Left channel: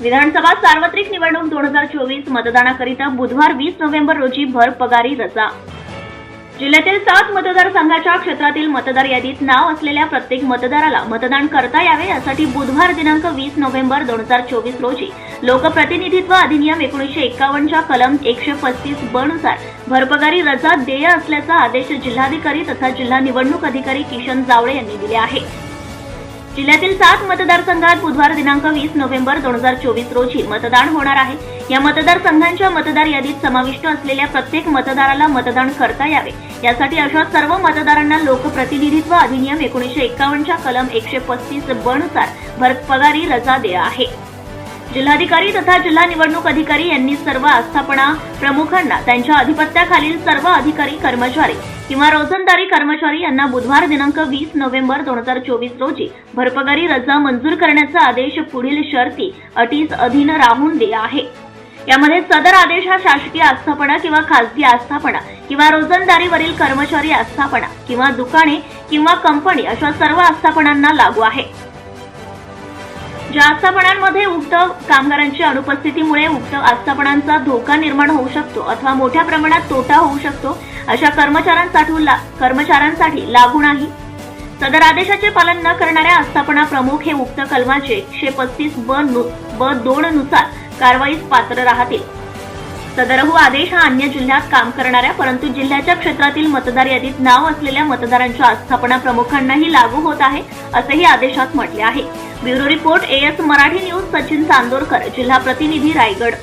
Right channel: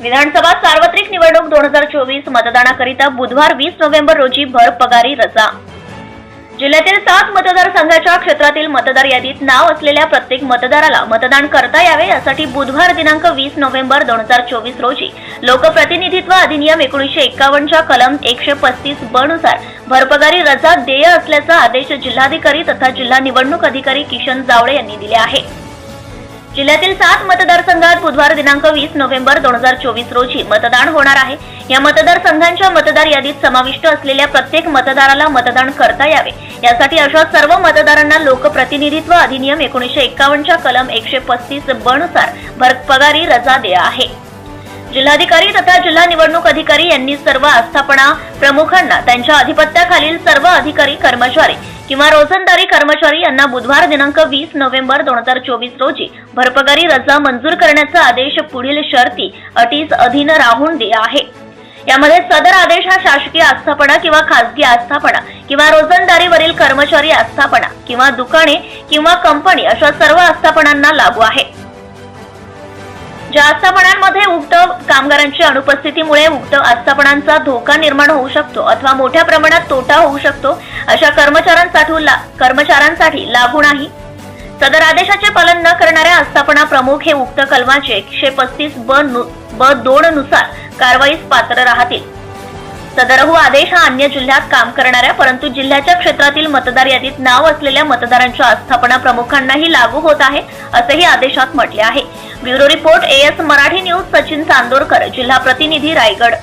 विधानसभा सार्वत्रिक निवडणूक दोन हजार चोवीस मतदानाकरिता बुधवार वीस नोव्हेंबर रोजी भर पगारी रजा. जिल्ह्यातील सात मतदारसंघाच्या क्षेत्रातील मतदार यादीत नाव असलेल्या प्रत्येक मतदाराला मतदान करता यावे यासाठी बुधवार दिनांक वीस नोव्हेंबर दोन हजार चोवीस रोजी लोकप्रतिनिधित्व अधिनियम एकोणीसशे एक्कावन्नच्या कलम एकशे पस्तीस ब नुसार भरपगारी रजा देय असल्याचा आदेश जिल्हाधिकारी तथा जिल्हा निवडणूक अधिकारी किशन जावळे यांनी दिले आहे. जिल्ह्यातील सात मतदारसंघात बुधवार दिनांक वीस नोव्हेंबर दोन हजार चोवीस रोजी मतदान होणार आहे. या मतदारसंघांच्या मतदार यादीत समाविष्ट असलेल्या प्रत्येक मतदाराला मतदान करता यावे. यासाठी अशा सर्व मतदारांना लोकप्रतिनिधित्व अधिनियम एकोणीसशे एक्कावन्नच्या कलम एकशे पस्तीस ब नुसार भरपगारी रजा देय आहे. जिल्हाधिकारी तथा जिल्हा निवडणूक अधिकारी यांनी सर्व आस्थापना प्रमुखांना त्यांच्या अधिपत्याखालील सर्व अधिकारी कर्मचारी किंवा रोजंदारी कर्मचारी यांना बुधवार दिनांक वीस नोव्हेंबर दोन हजार चोवीस रोजी भरपगारी रजा मंजूर करण्याचा आदेश पुढील शर्ती अटीस अधीन राहून दिला आहे. यामध्ये सदर आदेश हा शासकीय आस्थापना किंवा खासगी आस्थापना किंवा रोजंदारीवरील कर्मचारी आस्थापना किंवा दुकाने किंवा कंपनी अशा सर्व आस्थापनांना लागू आहे. ज्या आस्थापनांमध्ये उक्त कामगारांच्या अनुपस्थितीमुळे उक्त आस्थापनांचा धोका निर्माण होऊ शकतो अथवा मोठ्या प्रमाणात तोटा होऊ शकतो अशा कर्मचाऱ्यांसाठी ला- कर्मचाऱ्यांसाठी लागू नाही. सदर आदेशाचे पालन न करणाऱ्या आस्थापना प्रमुख हे उक्त कलमाचे एकशे पस्तीस ब नु- ब दोन नुसार कारवाईस पात्र राहतील. सदरहू हो आदेश हा अन्य जिल्ह्यात काम करणाऱ्या परंतु जिल्ह्याच्या क्षेत्रातील मतदार यादीत नाव असलेल्या मतदारांच्या आस्थापना प्रमुखांनाही लागू होत आहे असेही आदेशात म्हटले आहे. Bureau report AS Marathi news Sachin Chandorkar जिल्हा प्रतिनिधी रायगड.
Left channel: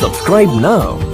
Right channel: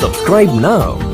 सबस्क्राईब नाव